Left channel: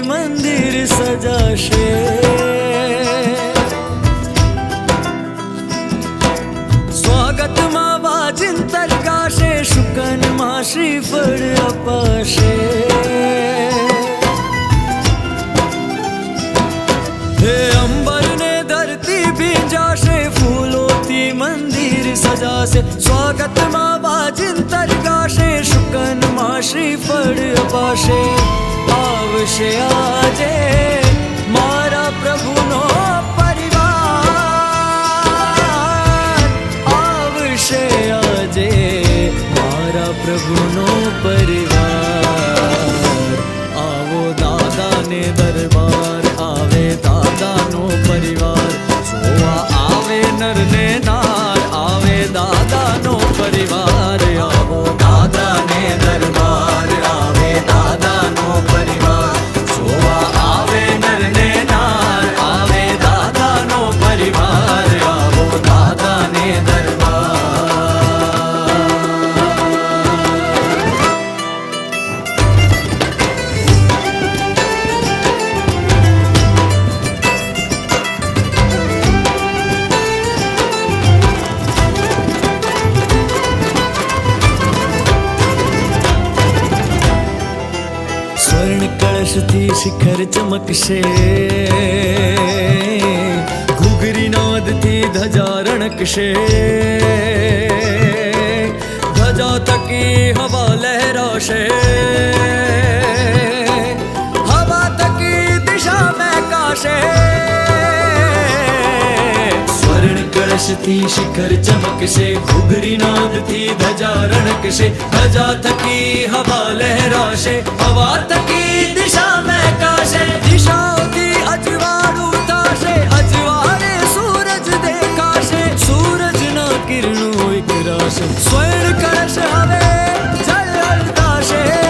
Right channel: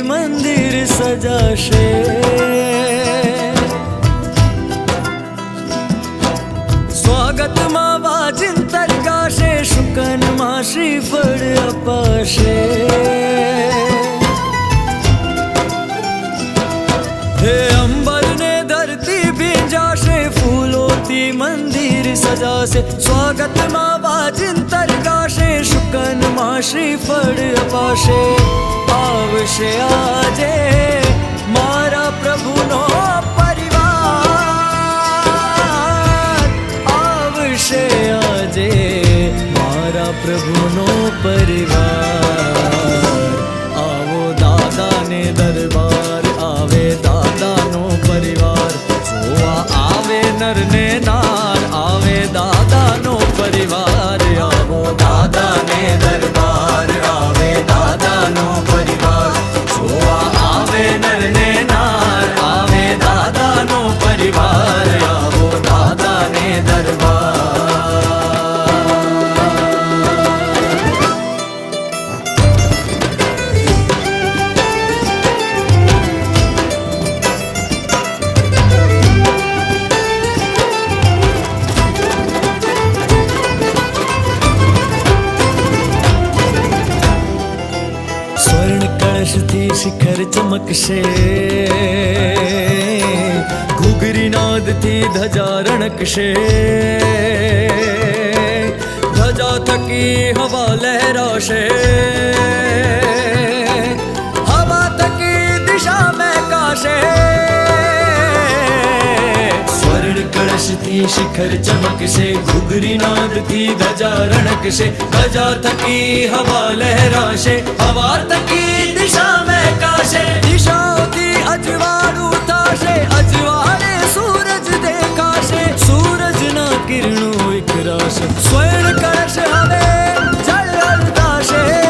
મંદિર સજાશે. સ્વાગતમાં વાજિંતર ગાશે, શુકનમાં શ્રીફળ અપાશે. હે અંબર ને ધરતી ભીંજાશે, ફૂલોથી મંદિર સજાશે. સ્વાગતમાં વાજિંતર ગાશે, શુકનમાં શ્રીફળ અપાશે. આવશે આજે મારા પ્રભુનો પરિવાર, આવશે આજે મારા પ્રભુનો પરિવાર. આવો દાદાને દરબાર, આવે દાદાનો પરિવાર. જોવા આવે નર ને નાર, આવે દાદાનો પરિવાર. આવો દાદાને દરબાર, આવે દાદાનો પરિવાર. જોવા આવે નર ને નાર, આવે દાદાનો પરિવાર. આવો દાદાને દરબાર. स्वर्ण कलश थी शिखर चमकशे, घुघरी नाद थी ध्वजा रણકશે. ध्वजा थकी हवा लहराशे, हवा थकी दिशा महकाशे. स्वर्ण कलश थी शिखर चमकशे, घुघरी नाद थी ध्वजा रણકશે. ध्वजा थकी हवा लहराशे, हवा थकी दिशा महकाशे. દિશાઓથી અજવાળું થશે, અજવાળે સૂરજ દેખાશે. સૂરજના કિરણો વિખરાશે, સ્વર્ણ કળશ હવે જળ હલતાશે.